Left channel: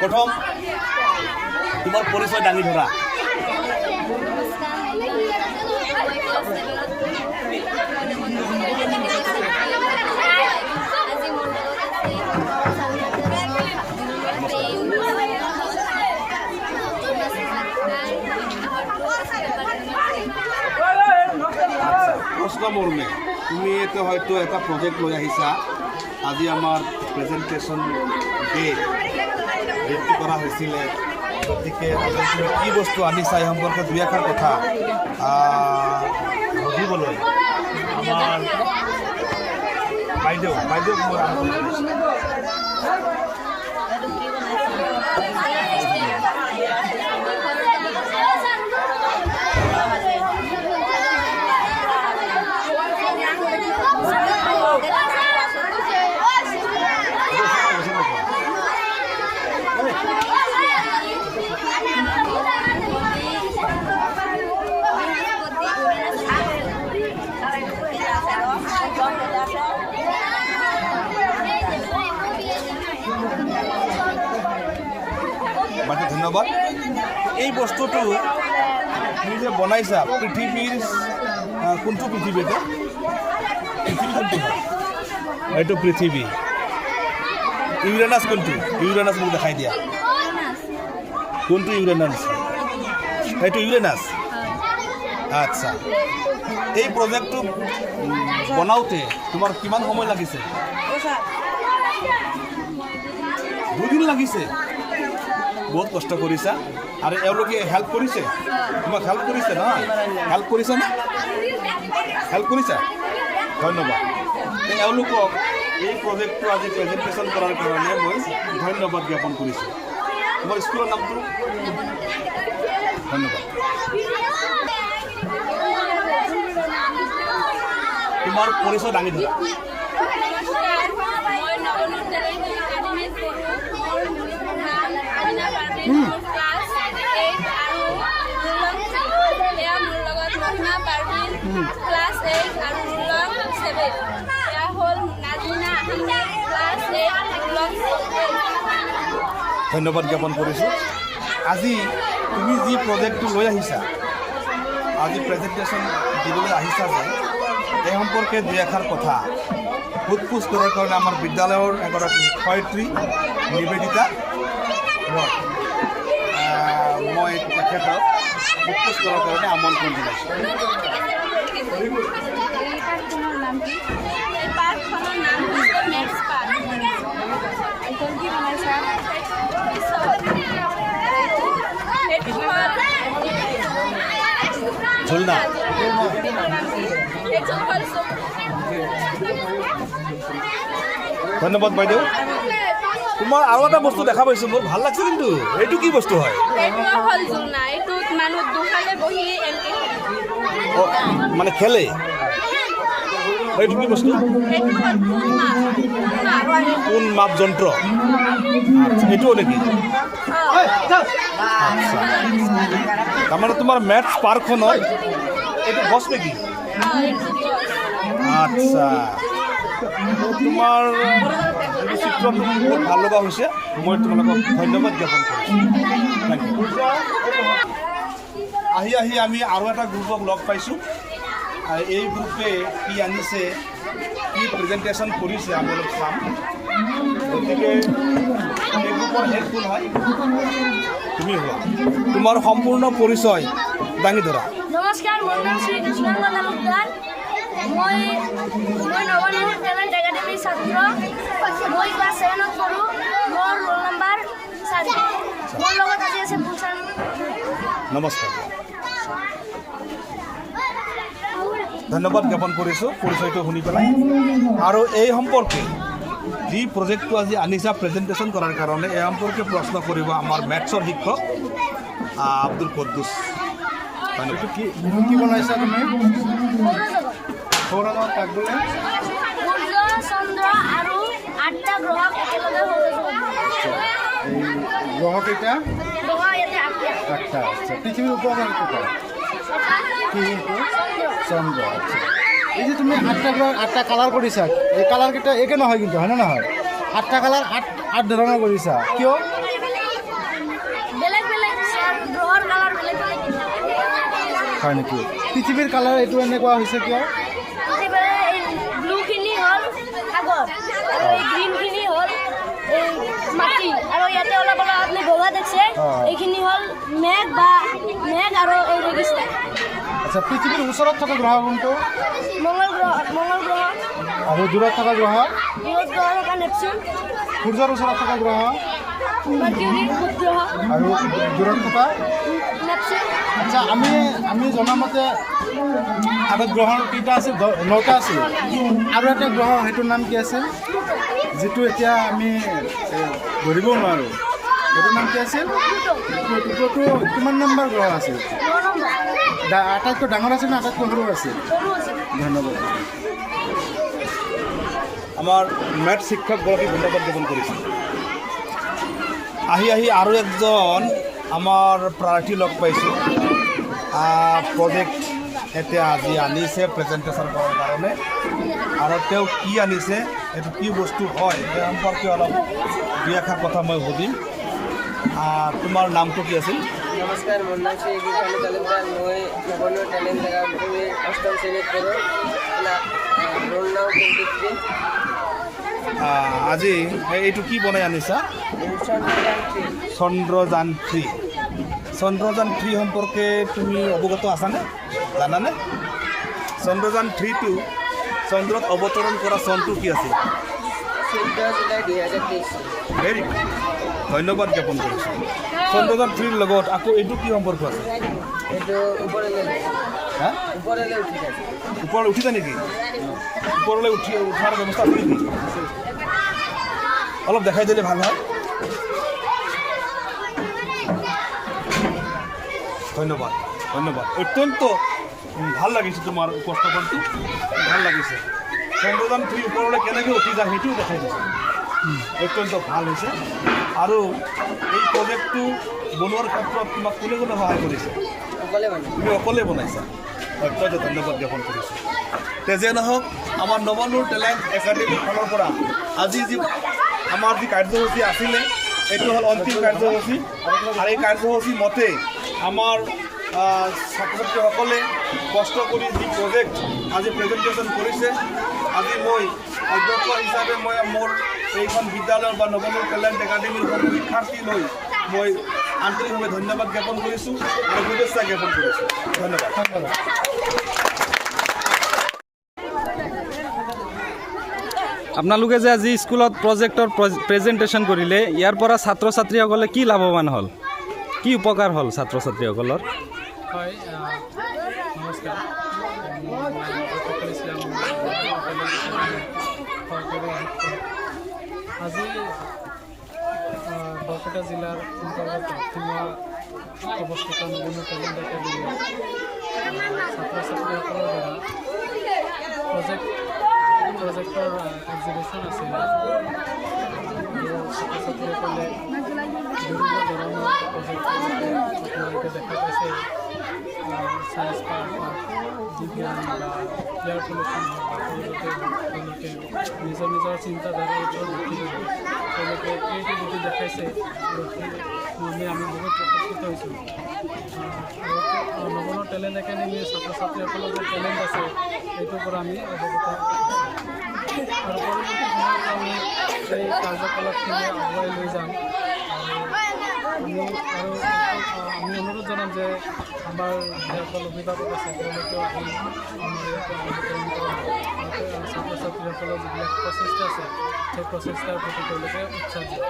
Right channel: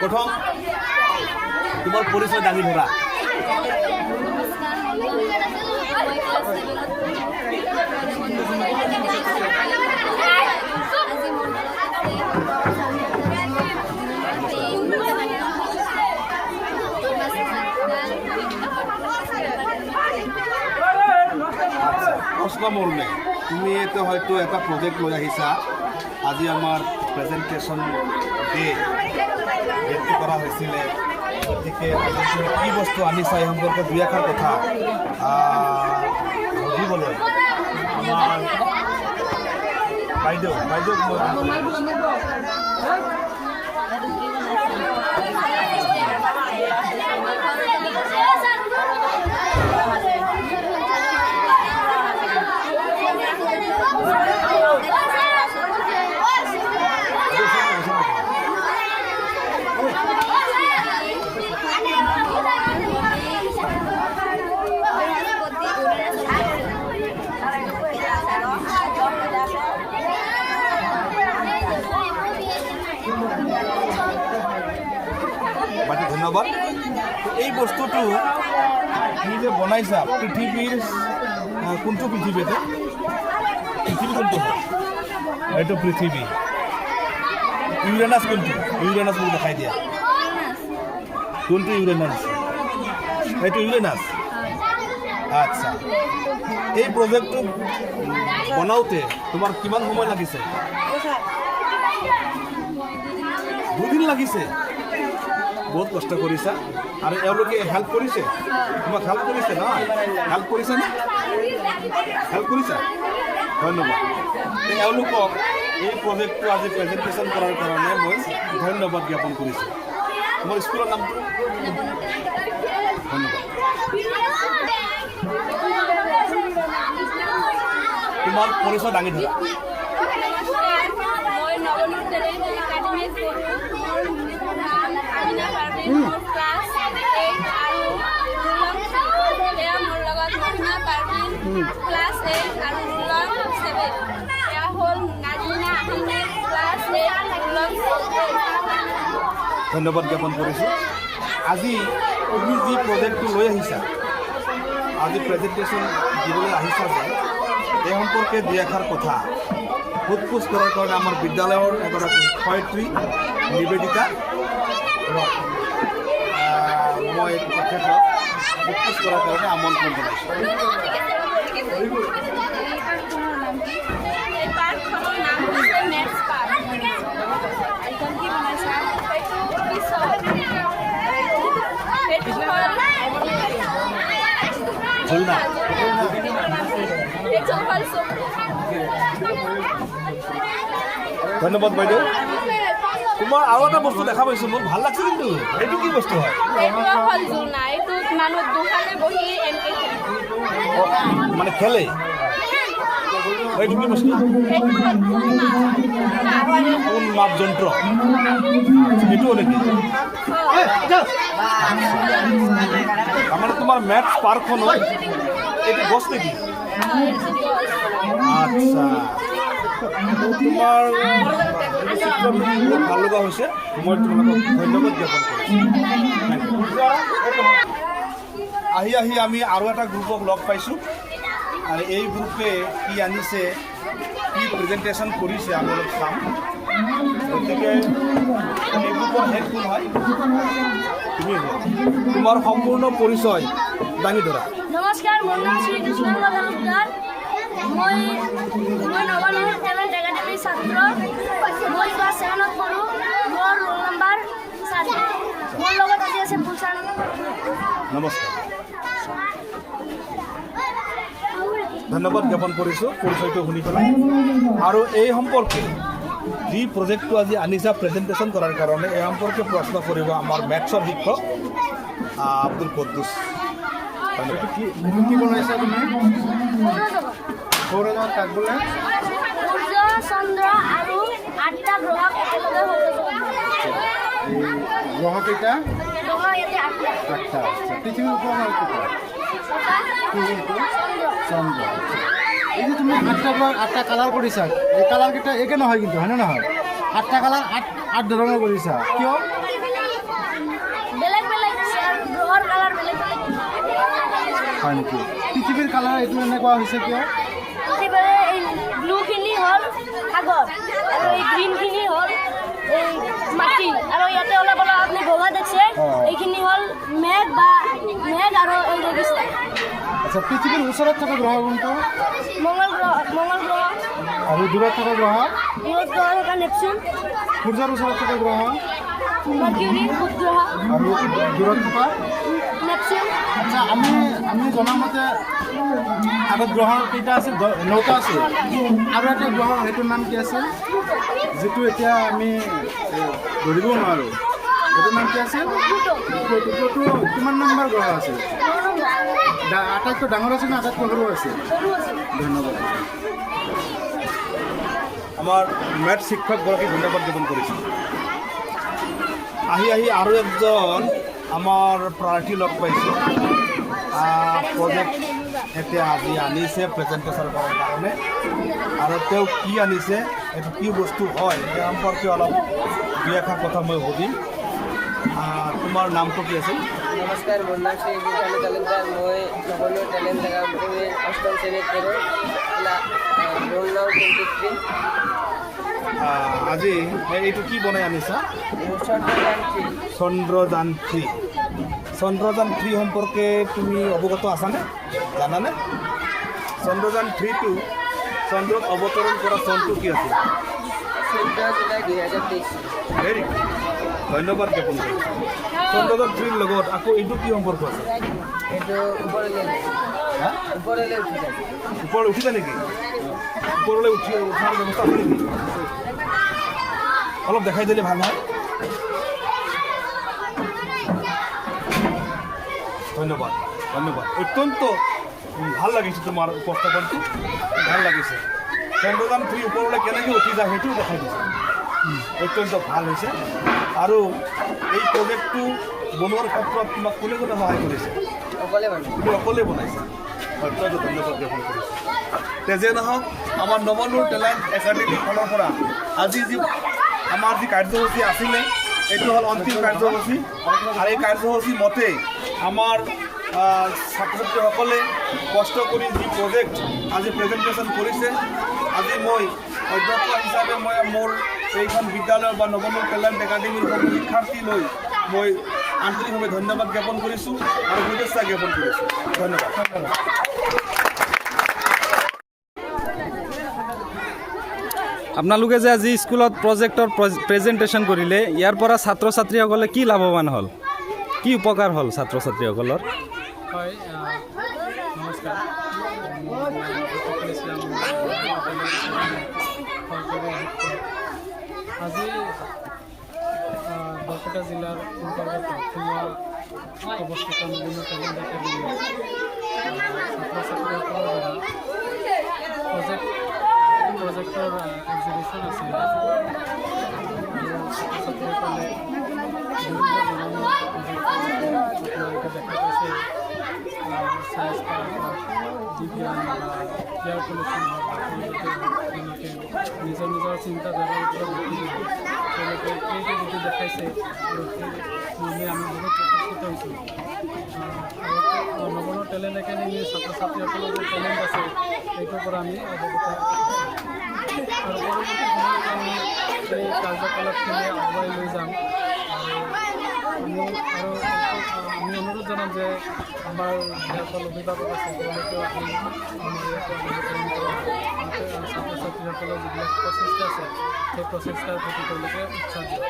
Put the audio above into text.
প্রথম তোমার পরিচয় দাঙি ধরা। প্রশ্ন মর্মে তুমি তো হয়তো এটা প্রজেক্ট লৈ আহিছা। আজি আমার প্রেজেন্টেশন ডে ভর্তি করা হয়েছিল, গতিকে তুমি কি বস্তু আনিছা এই সম্পর্কে দুই এষাৰ কথা বুজিবলৈ আমার বাইদেউ ধন্যবাদ। এই বস্তুটো তুমি যে বনাইছা পৃথিবীর কোনটো পৃথিবীতে কোনটো এইটো পৃথিবী ইউরেনাস কোনটো ইউরেনাস মোক দেখাই দিয়া কোনটো ইউরেনাস এইটো ইউরেনাস। আচ্ছা এই প্রজেক্টটো বনাওতে তোমার কিমান সময় লাগিছে? 2 দিন লাগিছে। বহুত কষ্ট কৰিছা আৰু এওঁলোকে হেল্প কৰিছে, তোমাক হেল্প কৰিছে না? হেল্প কৰিছে নে? হেল্প কৰিছা, ধন্যবাদ। এওঁলোকক এই প্ৰজেক্টটো আজি প্ৰেজেণ্টেশ্যন কৰাৰ কাৰণে মই ধন্যবাদ জ্ঞাপন কৰিছোঁ। মোৰ স্কুলৰ নামটো ধন্যবাদ। তোমাৰ পৰিচয় দাঙি ধৰা। ধন্যবাদ জ্ঞাপন কৰিছোঁ। আজি তুমি যি প্ৰজেক্টটো লৈ আহিছা, আজি প্ৰেজেণ্টেশ্যন দিবলৈ আহিছা যে এই সম্পৰ্কে দুই এষাৰ কথা সোধ-পোছ কৰাৰ কাৰণে আমাৰ বিদ্যালয়ৰ এগৰাকী শিক্ষয়িত্ৰী নিবেদিতা, মই তেখেতক সোধ-পোছ কৰাৰ কাৰণে আমন্ত্ৰণ জনাইছোঁ। ধন্যবাদ বাইদেউ। তোমাৰ আৰু এটা বস্তু দেখা পাইছিলোঁ, ভাল লাগছে কিন্তু। এইটো কি বস্তু হয়? মানে খেলে এইটো কি বস্তু? কোন মাপ যন্ত্র এইটোও নেকি? তাৰমানে তোমাৰ মেথছ পাৰ্কখনৰ এইটো গছ নেকি? আচ্ছা, তোমাৰ চিত্ৰ বহুত ভাল লগা হৈছে। মই তোমালোকক ধন্যবাদ জ্ঞাপন কৰিছোঁ। আহি আমি আৰু এটা গ্ৰুপক লগ পাইছোঁ। এই গ্ৰুপে কি আনিছে, কি প্ৰেজেণ্টেশ্যন কৰিছে আমি অলপ চাম। গতিকে এই গ্ৰুপৰ হেড কোন হয়? তুমি হয়। তোমাৰ সম্পূৰ্ণ পৰিচয় দাঙি ধৰা। নমস্কাৰ, মোৰ নাম শ্ৰী কৃষ্ণাংগ তালুকদাৰ। মই নৱানগৰ টেলেণ্ট একাডেমীৰ ছাত্ৰ। মই ক্লাছ 7ত পঢ়োঁ। মোৰ ৰোল নম্বৰ 4। মোৰ লগত আজি আছে পুলচান। নমস্কাৰ, ধন্যবাদ জ্ঞাপন কৰিছোঁ পৰিচয়টো শুনি পেলাই। আৰু এই সম্পৰ্কে যি প্ৰজেক্টটো আজি আনিছা প্ৰেজেণ্টেশ্যন কৰাৰ কাৰণে, এই সম্পৰ্কে প্ৰশ্ন কৰিব আমাৰ মেথছৰ শিক্ষক আব্দুল কুদ্দুছ। কি বনাইছা তুমি? সৌৰজগত কাক বোলে? চন্দ্ৰ আৰু 8টা গ্ৰহক একেলগে গ্ৰহ কেইটা? গ্ৰহ ইয়াতে 8টা। পৃথিৱীৰ ওপৰত চন্দ্ৰ। এই যে তুমি 8টা কালাৰ কৰিছা, এই কালাৰকেইটা একে নহয় কিন্তু, হয়নে নহয়? 8টা কালাৰ 8 ধৰণৰ কৰিছা কিয় বেলেগ বেলেগ গ্ৰহৰ কালাৰ বেলেগ বেলেগ হয় নেকি পৃথিৱীৰ কালাৰ এইটো এনেকুৱা হৈছে কিয় এই ব্লুখিনি হ'ল সাগৰ আৰু এই গ্ৰীণখিনি হ'ল এই মাটি আৰু ইয়াতে অলপ অলপ আপুনি বগা দেখছে এইখিনি হ'ল মেঘ আৰু এই ৰেগিস্তান আচ্ছা পৃথিৱীৰ ওচৰত থকা গ্ৰহ কোনটো মঙ্গল গ্ৰহ আৰু দূৰত থকা গ্ৰহ দূৰত গ্ৰহ থকা নেপচুন সূৰ্যৰ ওচৰত থকা গ্ৰহ মাৰ্কিউৰি বুধ গ্ৰহ আৰু দূৰত থকা নেপচুন আচ্ছা আমি জনামতে আগত গ্ৰহৰ কেইটা আছিল 9টা আছিল আৰু এটা গ্ৰহ সেইটোৰ নাম কি আছিল যিটো এতিয়া আমি ধৰিব নোৱাৰোঁ সেইটোৰ নাম কি আছিল প্লুটো কিমান নম্বৰ গ্ৰহ আছিল 9 নম্বৰ আটাইতকৈ ডাঙৰ আছিল নে আটাইতকৈ সৰু আছিল ধন্যবাদ আমাৰ মেথ শিক্ষকগৰাকী ধন্যবাদ জ্ঞাপন কৰিছোঁ আহি আৰু একজন আমাৰ প্ৰাৰ্থী লগ পাইছোঁ প্ৰজেক্ট এতিয়া আজি আনিছে প্ৰেজেণ্টেশ্যন কৰাৰ কাৰণে আৰু তেওঁ কি আনিছে এইটো কি বস্তু হয় সেই সম্পৰ্কে অলপ দুই এষাৰ কথা মই সুধিম তোমাৰ নামটো কি আছিল নমস্কাৰ মোৰ নাম শ্ৰী গীতালি তালুকদাৰ মই নগৰ টেলেণ্ট একাডেমীৰ 8ম শ্ৰেণীত পঢ়োঁ ৰোল নাম 23 আজি এইটো কি বনাই আনিছা চন্দ্ৰযান 3 সম্পৰ্কে তুমি অৱগত আছানে জানানে চন্দ্ৰযান 3টো চন্দ্ৰত অৱতৰণ কৰা চনটো কি আছিল 14 জুলাই 2023 ভেৰি গুড ধন্যবাদ জ্ঞাপন কৰিছোঁ চন্দ্ৰযান 3ৰ লগত আকৌ এইটো কি সম্পৰ্ক আছে এইটো ওপৰলৈ উঠি যায় ওপৰলৈ উঠিছে নেকি ওপৰলৈ উঠাৰ ব্যৱস্থা আছে নেকি অলপ দেখাই দিলে ভাল হয় ধন্যবাদ অত্যন্ত ভাল লাগিছে তোমাৰ উপস্থাপনটো ভাল লাগিছে চন্দ্ৰযান 3 ওপৰলৈ কেনেকৈ উঠি যায় সেইটোও দেখাই দিছে অত্যন্ত ভাল হৈছে আৰু এই প্ৰজেক্টটো বনোৱাৰ ক্ষেত্ৰত তোমাক কোনে সহায় কৰিছে তুমি অকলে বনাইছা অত্যন্ত ধন্যবাদ জ্ঞাপন কৰিছোঁ তেজে নহওক আমাৰ নৱনুৰ টেলেণ্ট একাডেমীৰ ফালৰ পৰা আজি আমাৰ যি কাৰ্যসূচী আছিলে এইটো হ'ল অন্তিম কাৰ্যসূচী আৰু এই কাৰ্যসূচী মতে আমাৰ ছাত্ৰ ছাত্ৰীসকলে কষ্ট কৰি যি প্ৰজেক্ট আজি প্ৰেজেণ্টেশ্যন কৰিছে আজি মই অধ্যক্ষ হিচাপে মই মোৰ এইখন বিদ্যালয়ৰ বা নৱনুৰ টেলেণ্ট একাডেমীৰ সকলো শিক্ষাৰ্থী লৈ মই আন্তৰিকভাৱে ধন্যবাদ জ্ঞাপন কৰিছোঁ আৰু শুভেচ্ছা জ্ঞাপন কৰিছোঁ ধন্যবাদ আপোনালোকে যে আজি স্কুলত প্ৰজেক্টৰ প্ৰেজেণ্টেশ্যন কৰিলে ইয়াৰ পৰা ছাত্ৰ ছাত্ৰীসকলে কি লাভৱান হ'ল কি উপকাৰ হ'ল ছাত্ৰ ছাত্ৰীসকলৰ হয় নমস্কাৰ আজি বৰপেটা জিলাৰ অন্তৰ্গত সোমোৱা অৱস্থিত নৱনুৰ টেলেণ্ট একাডেমী ছাত্ৰ ছাত্ৰীসকলৰ দ্বাৰা প্ৰজেক্টৰ এক্সিবিশ্যন আছিল আৰু ছাত্ৰ ছাত্ৰীসকলে বিভিন্ন ধৰণৰ প্ৰজেক্ট আপোনালোকে দেখা পাইছে চায়েন্স পাৰ্ক হওক বিজ্ঞান বা এয়াৰ পলিউশ্যন হওক বা সৰুতে হওক তেওঁলোকে নিজৰ চিন্তাধাৰাৰ ওপৰত ভিত্তি কৰি তেওঁলোকে ক্ৰিয়েটিভিটি দেখাইছে আৰু সেই মৰ্মে আমি বহুত উপকৃত হৈছোঁ আৰু নৱনুৰ টেলেণ্ট একাডেমীৰ ছাত্ৰ ছাত্ৰীসকলৰ যে টেলেণ্ট আছে সেইটোৰ পৰা আমি অৱগত আৰু পৰৱৰ্তী সময়ত আমি এই কাৰ্যকলাপখিনি আগুৱাই লৈ যাম আৰু আমি অনুৰোধ জনাম যে আমাৰ যিসকল অভিভাৱক আছে তেওঁলোকেও আহি আমাৰ ইয়াতে অংশগ্ৰহণ কৰা ছাত্ৰ ছাত্ৰীসকলৰ যিবিলাক প্ৰচেষ্টা আছে সেই প্ৰচেষ্টাৰ প্ৰতি তেওঁলোকে উৎসাহ দিয়ে